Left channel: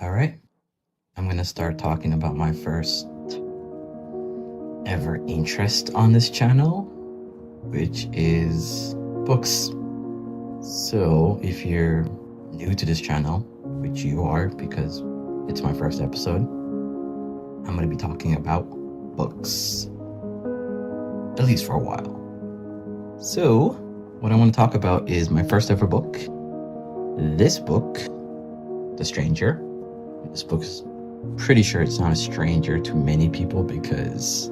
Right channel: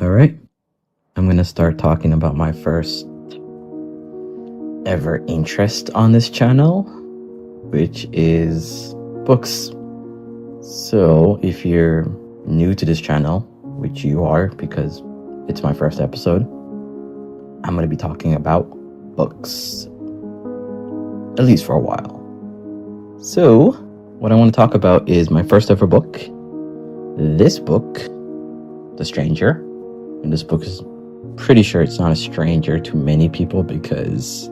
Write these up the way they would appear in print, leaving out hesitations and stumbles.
All right, I'm going to start talking about my first ever interest on this channel, which is books. So, if you're new to this channel, which you are because it's my first episode, I'm going to be talking about books, at least for a while. So, what I want to talk about is my first ever book. This book, The Stranger. And this book is pretty sure it's not a stranger to many people because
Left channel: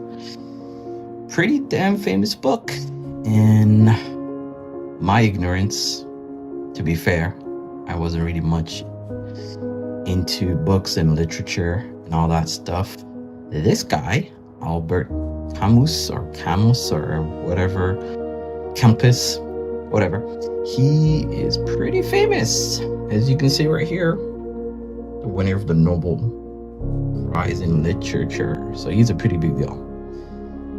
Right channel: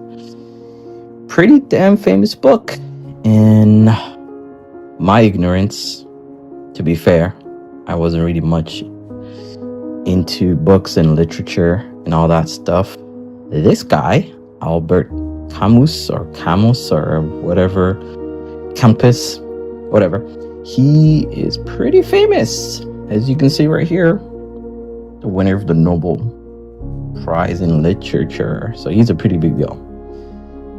pretty damn famous book. In my ignorance, to be fair, I wasn't really much into books and literature and all that stuff. This guy, Albert Camus or whatever, Campus, whatever, he is pretty famous, as you can see right here. The winner of the Nobel Prize in Literature. So he's a pretty big deal.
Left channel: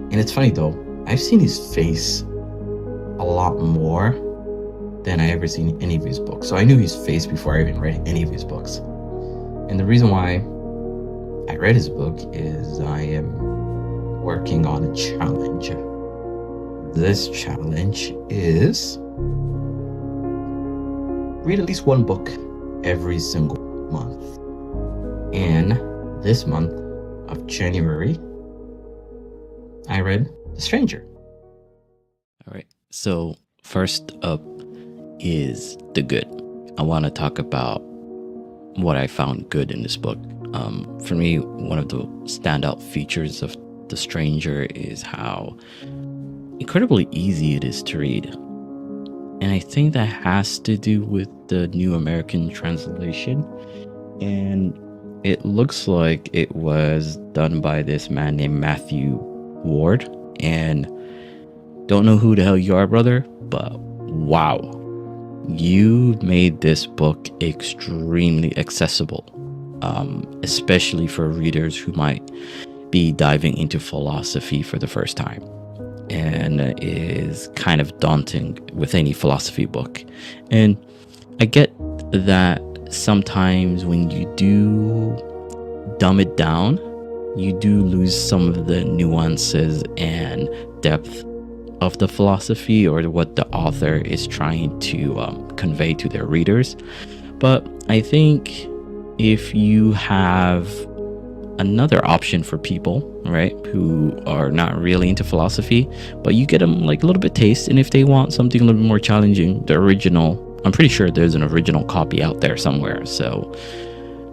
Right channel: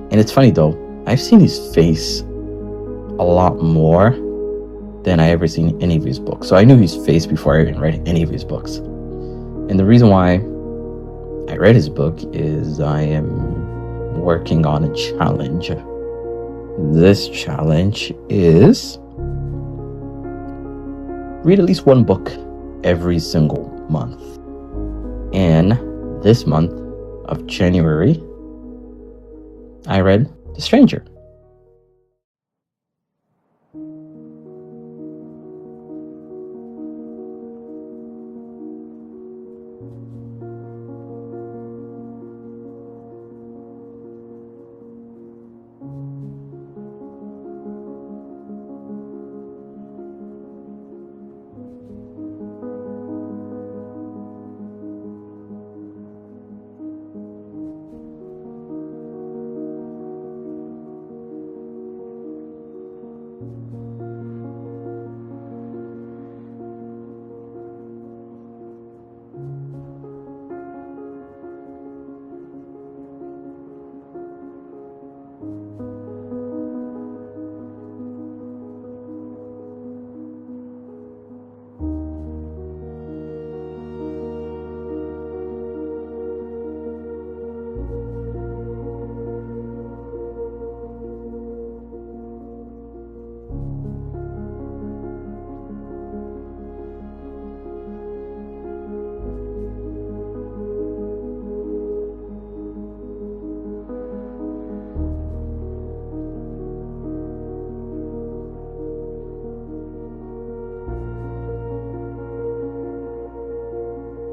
And it's funny though, I've seen his face a lot more than I ever seen any of his books. So I knew his face before I even read any of his books. And the reason why I read his book is I am working on a challenge. This challenge is read at least one book every single month. And this month of January, I read The Stranger. All right. So first up is the good. I want to talk about what I found good in this book. For me, one of the standout features of The Stranger is how incredibly easy it is to read. And I think that has to do with the New American Translation. And it looks like it was done by this man named Matthew Ward. And don't know who the hell you are, brother, but wow. You made this book extremely accessible, especially for readers who might be diving into philosophy for the first time, and is kind of daunting with any philosophy book. And I get that sometimes when you do dumb it down, you do lose some of the nuances and depth of the philosophy or what the author is trying to convey to their readers. But I think if you have another option for people, right, who are not really into philosophy, but you get them like a little bit taste, and if they want something a little bit more challenging, the original, I'm pretty sure there's an original copy out there somewhere, so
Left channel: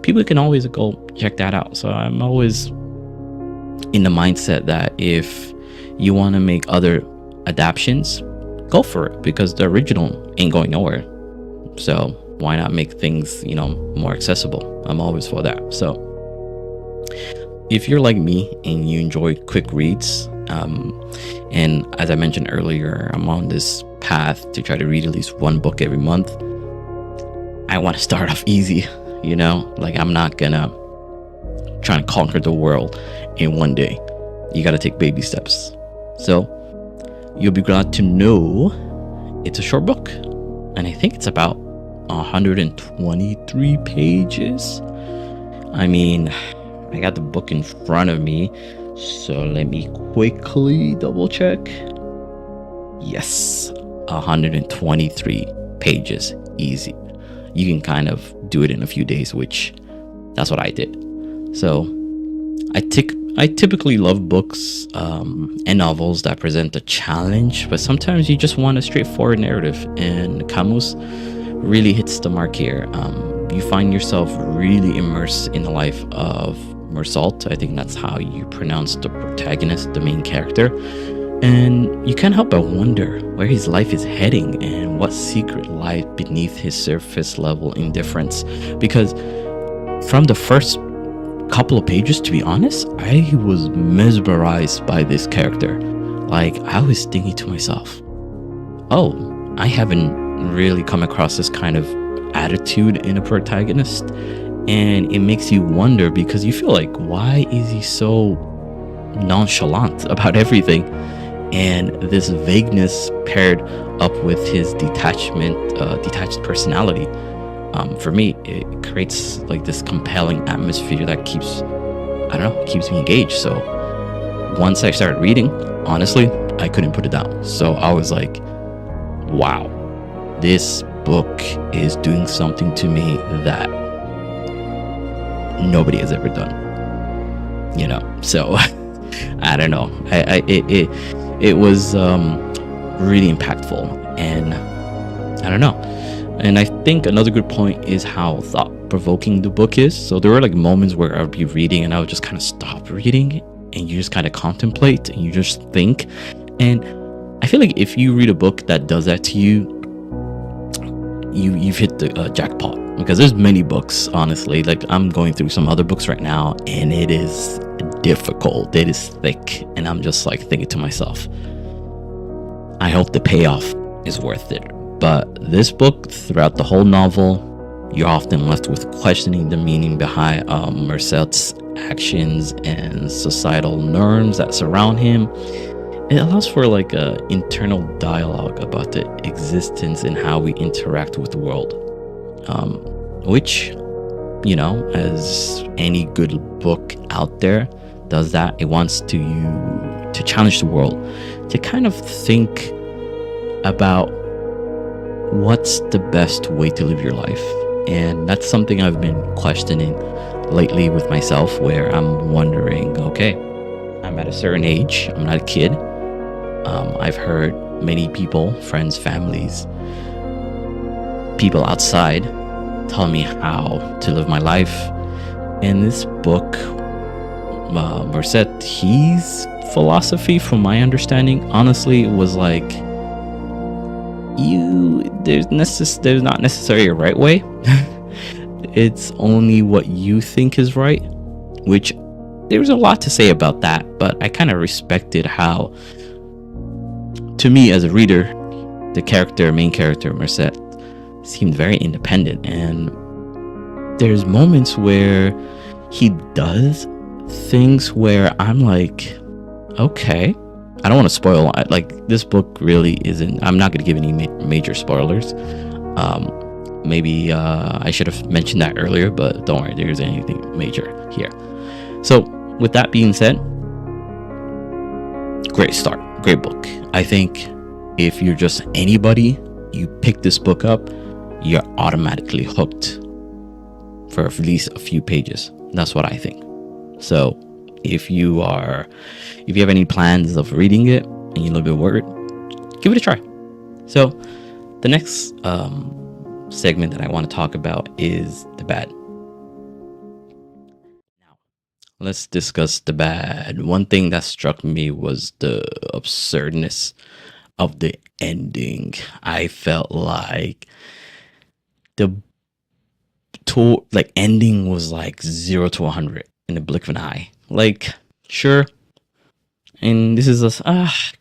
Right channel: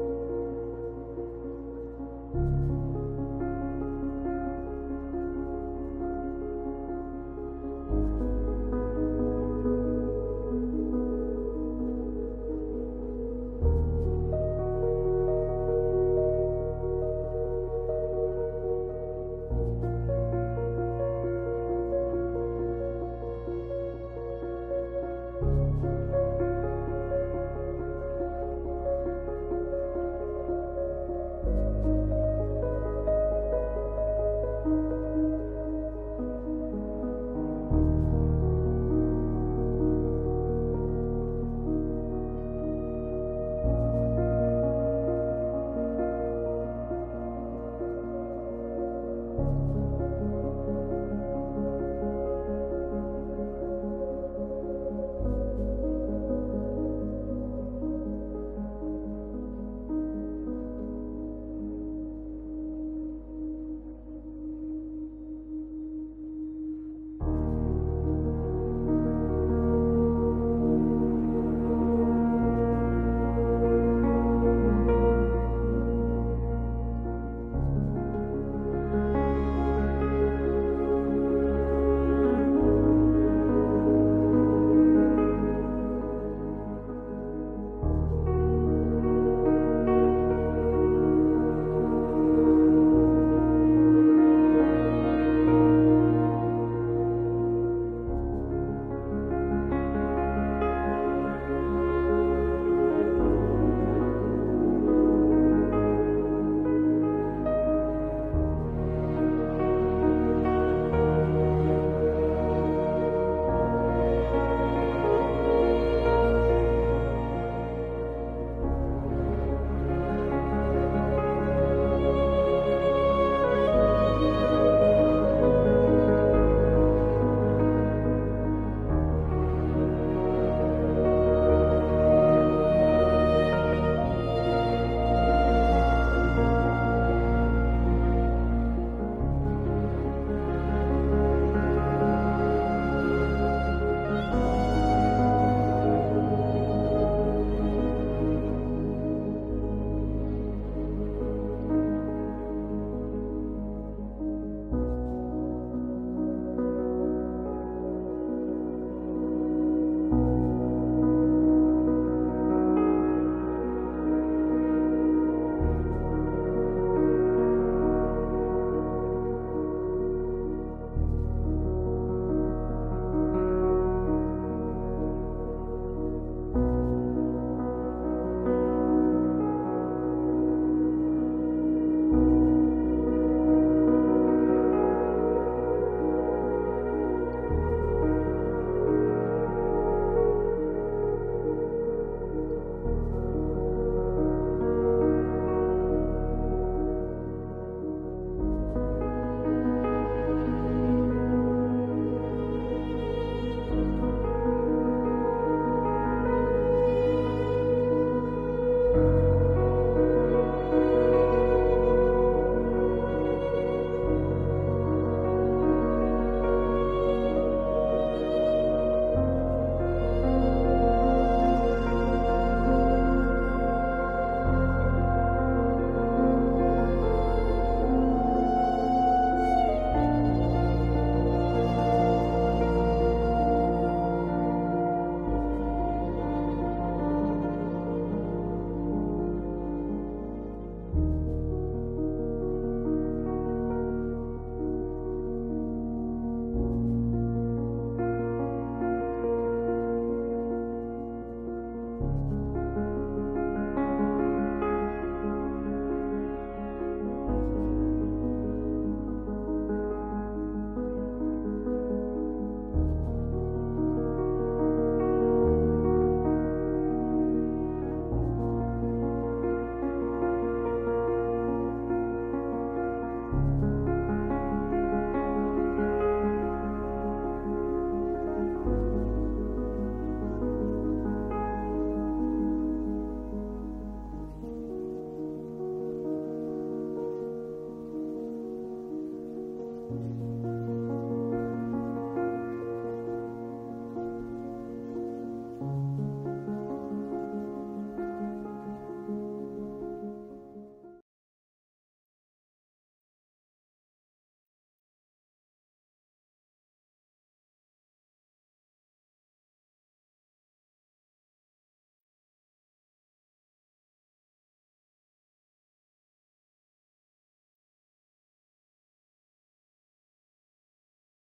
people can always go check that out. So I'm always in the mindset that if you want to make other adaptations, go for it, because the original ain't going nowhere. So why not make things, more accessible? I'm always for that. So if you're like me and you enjoy quick reads, and as I mentioned earlier, I'm on this path to try to read at least one book every month. I want to start off easy, like I'm not gonna try to conquer the world in one day. You got to take baby steps. So you'll be glad to know it's a short book, and I think it's about 123 pages. I mean, I got the book in front of me, so let me quickly double check. Yes, 123 pages, easy. You can kind of do it in a few days, which that's what I did. So I typically love books and novels that present a challenge, but sometimes you just want a straightforward narrative, and Camus really hits the mark here. You find yourself really immersed in the life of Mersault. I think that's how you pronounce the protagonist, the main character, and you can't help but wonder where his life is heading and what secret lies beneath his surface level indifference. Because from the first couple of pages, to be honest, I was mesmerized by this character. Like, I was thinking to myself, oh, I haven't really come across this kind of attitude in a protagonist. And it makes you wonder, because you feel like, why is he so nonchalant about everything? And this vagueness paired up with his detached personality For me, it creates like this compelling atmosphere that keeps, I don't know, keeps me engaged. So once I started reading, honestly, I couldn't put it down. So I was like, wow, this book is doing something to me that nobody has ever done, you know? So I don't know. It was really impactful, and I don't know. And I think another good point is how thought-provoking the book is. So there were like moments where I would be reading and I would just kind of stop reading, and you just kind of contemplate and you just think. And I feel like if you read a book that does that to you, you've hit the jackpot. Because there's many books, honestly. Like I'm going through some other books right now, and it is difficult. It is thick, and I'm just like thinking to myself, I hope the payoff is worth it. But this book, throughout the whole novel, you're often left with questioning the meaning behind Merced's actions and societal norms that surround him. It allows for like a internal dialogue about the existence and how we interact with the world, which, you know, as any good book out there does that. It wants to challenge the world to kind of think about what's the best way to live your life. And that's something I've been questioning lately with myself, where I'm wondering, okay, I'm at a certain age, I'm not a kid. I've heard many people, friends, families, people outside tell me how to live my life. In this book, Merced, his philosophy, from my understanding, honestly, was like, there's not necessarily a right way. It's only what you think is right, which there's a lot to say about that, but I kind of respected how, to me as a reader, the main character, Merced, seemed very independent. And there's moments where he does things where I'm like, okay, I don't want to spoil. Like, this book really isn't, I'm not going to give any major spoilers. Maybe I should have mentioned that earlier, but don't worry, there's anything major here. So with that being said, great start, great book. I think if you're just anybody, you pick this book up, you're automatically hooked for at least a few pages. That's what I think. So if you have any plans of reading it and you're a little bit worried, give it a try. So the next segment that I want to talk about is the bad. Now, let's discuss the bad. One thing that struck me was the absurdness of the ending. I felt like the ending was like 0 to 100 in the blink of an eye. Like, sure. And this is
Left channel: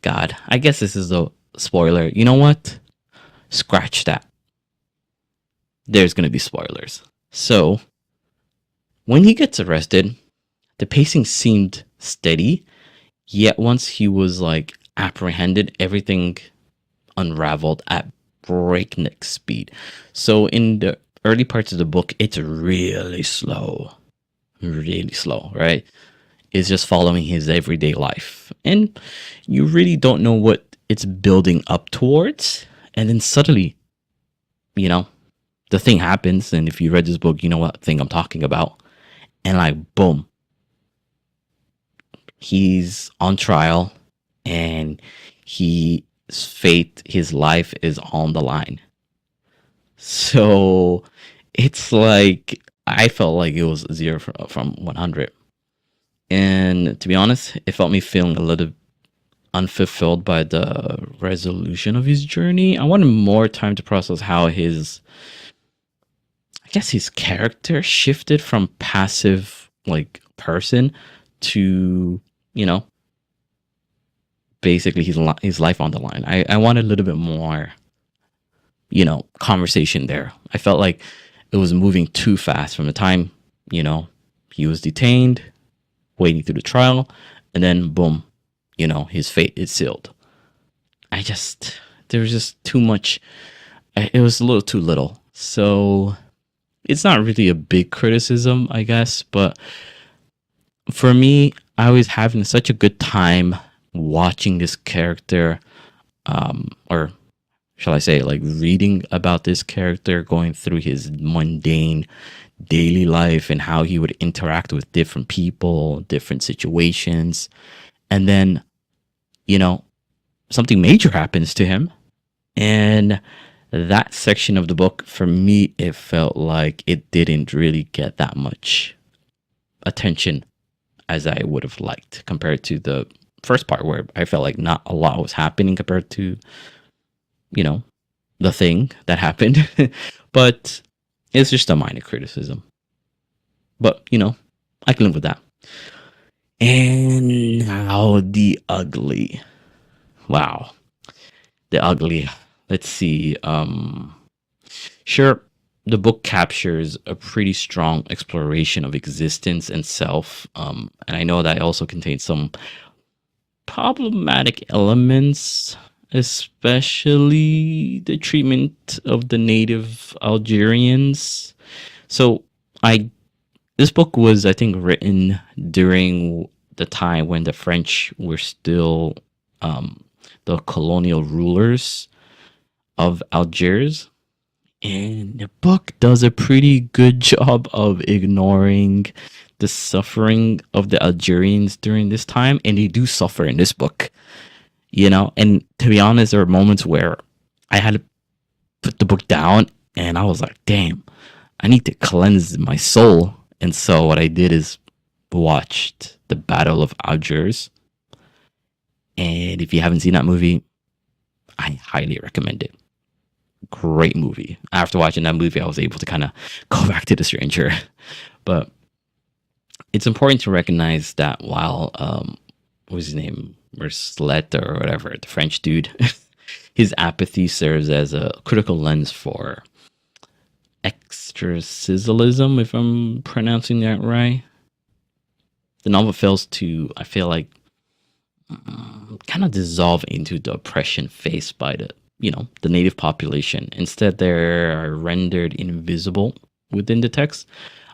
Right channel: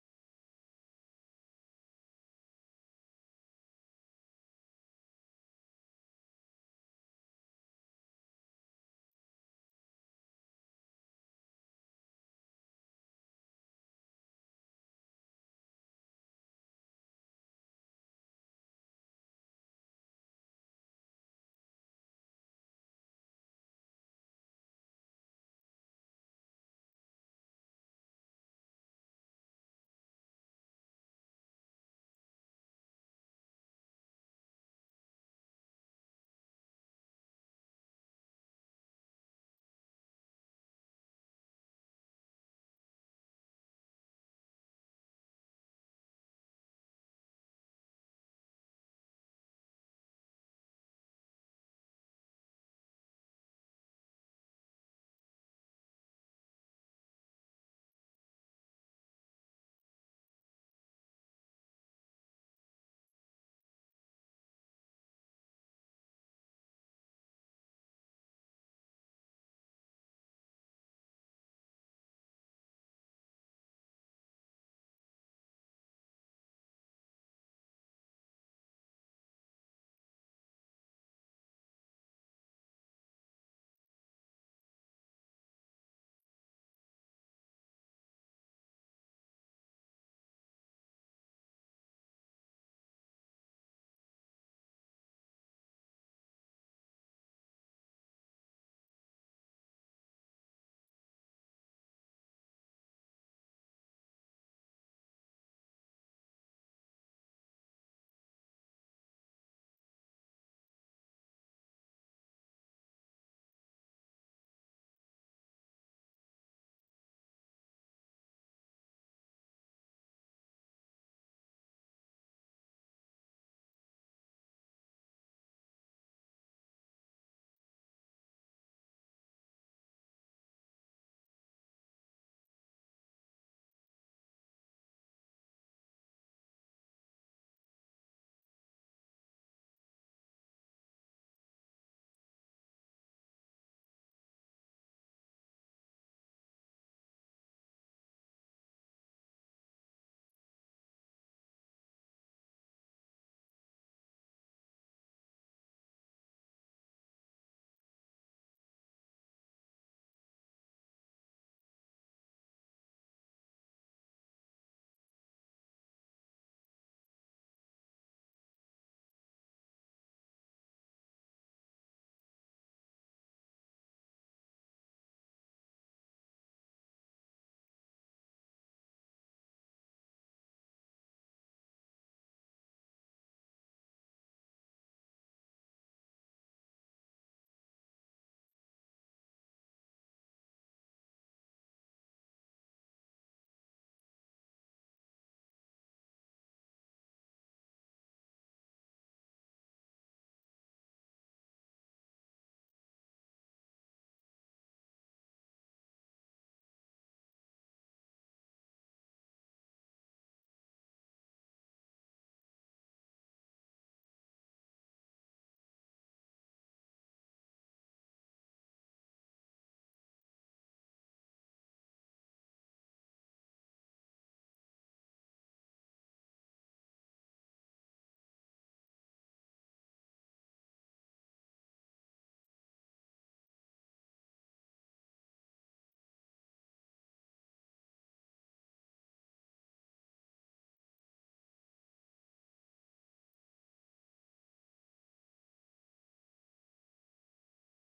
God, I guess this is a spoiler. You know what? Scratch that. There's going to be spoilers. So, when he gets arrested, the pacing seemed steady, yet once he was like apprehended, everything unraveled at breakneck speed. So in the early parts of the book, it's really slow, right? It's just following his everyday life, and you really don't know what it's building up towards. And then suddenly, you know, the thing happens. And if you read this book, you know what thing I'm talking about. And like, boom, he's on trial, and his fate, his life is on the line. So it's like, I felt like it was 0 from 100. And to be honest, it felt me feeling a little unfulfilled by the resolution of his journey. I wanted more time to process how his character shifted from passive like person to, you know, basically his life on the line. I wanted a little bit more, you know, conversation there. I felt like it was moving too fast from the time, you know, he was detained, waiting through the trial, and then boom, you know, his fate is sealed. There was just too much. It was a little too little. So it's not really a big criticism, I guess, but for me, I was having such a good time watching this character, or shall I say, like reading about this character going through his mundane daily life and how he would interact with different people, different situations. And then, you know, something major happens to him. And that section of the book, for me, it felt like it didn't really get that much attention as I would have liked compared to the first part where I felt like not a lot was happening compared to, you know, the thing that happened. But it's just a minor criticism. But, I can live with that. And now the ugly. Wow. The ugly. Let's see. Sure, the book captures a pretty strong exploration of existence and self. And I know that it also contains some problematic elements, especially the treatment of the native Algerians. So I this book was, I think, written during the time when the French were still the colonial rulers of Algiers. And the book does a pretty good job of ignoring the suffering of the Algerians during this time. And they do suffer in this book, And to be honest, there were moments where I had to put the book down and I was like, damn, I need to cleanse my soul. And so what I did is watched the Battle of Algiers. And if you haven't seen that movie, I highly recommend it. Great movie. After watching that movie, I was able to kind of go back to The Stranger. But it's important to recognize that while, what was his name? Merslet or whatever, the French dude, his apathy serves as a critical lens for extracilism, if I'm pronouncing that right. The novel fails to, I feel like, kind of dissolve into the oppression faced by the native population. Instead, they are rendered invisible within the text.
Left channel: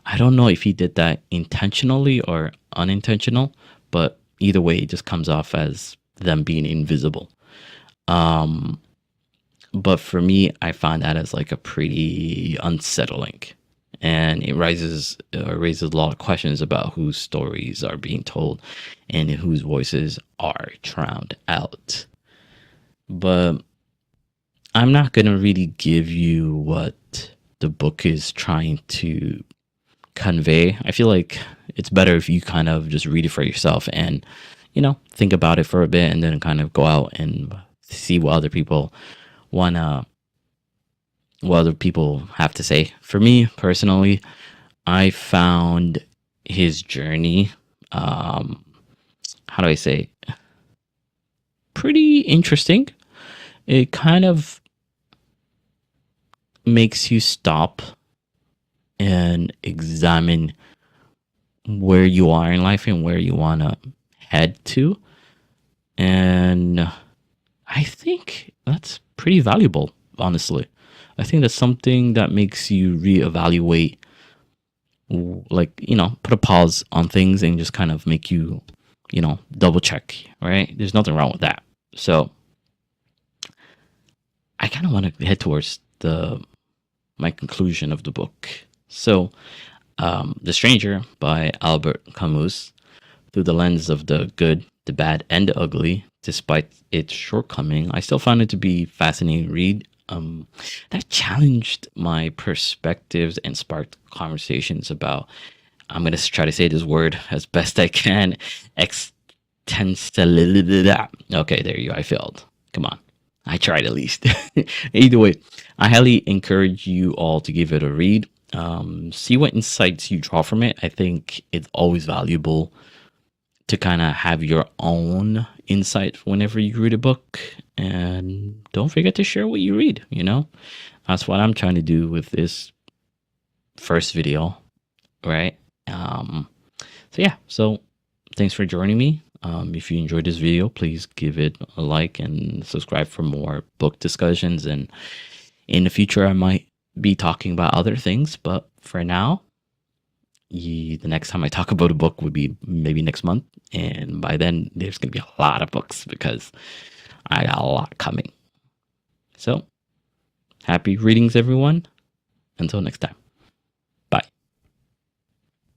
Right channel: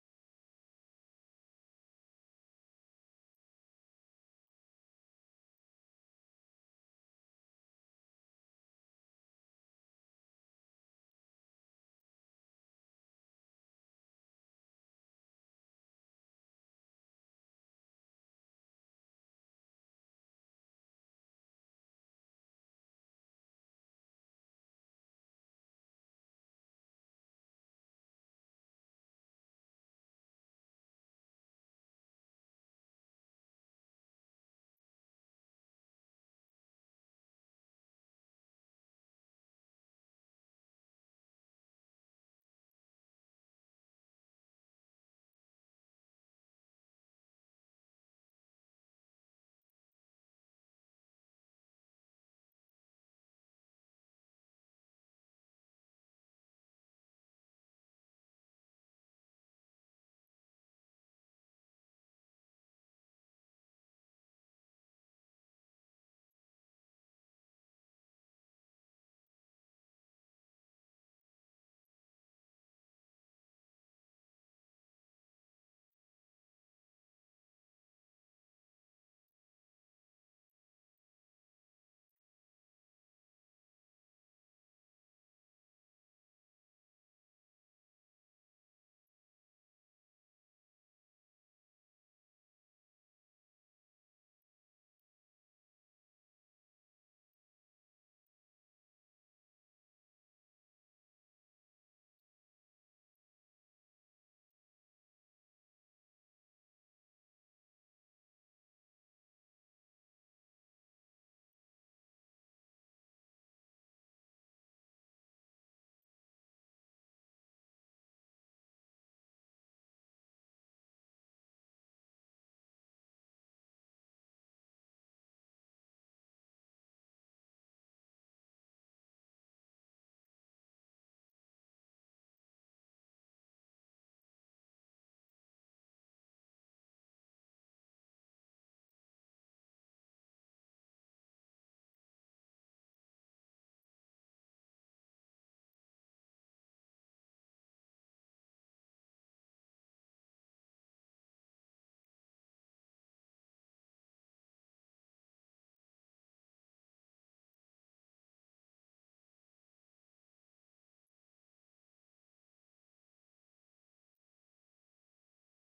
I don't know if he did that intentionally or unintentional, but either way, it just comes off as them being invisible. But for me, I find that as like a pretty unsettling, and it raises a lot of questions about whose stories are being told and whose voices are drowned out. But I'm not gonna really give you what the book is trying to convey. I feel like it's better if you kind of just read it for yourself and think about it for a bit and then kind of go out and see what other people have to say. For me personally, I found his journey, how do I say, pretty interesting. It kind of makes you stop and examine where you are in life and where you want to head to. And I think that's pretty valuable, honestly. I think that's something that makes you reevaluate, like, put a pause on things and just kind of make you, double check, right? There's nothing wrong with that. So I kind of want to head towards my conclusion of the book. So, The Stranger by Albert Camus, through the lens of the good, the bad, and the ugly, despite its shortcoming, I still found it to be fascinating read. That challenged my perspectives and sparked conversations about, I'm going to try to say this word as best I can, existentiality. Okay, there you go. I failed. Come on. I tried at least. Either way, I highly encourage you all to give it a read. See what insights you draw from it. I think it's always valuable to kind of have your own insight whenever you read a book, and don't forget to share what you read. That's what I'm trying to do with this first video, right? So thanks for joining me. If you enjoyed this video, please give it a like and subscribe for more book discussions, and in the future I might be talking about other things, but for now, the next time I talk about a book would be maybe next month. And by then, there's going to be a lot of books because I got a lot coming. So, happy readings, everyone. Until next time.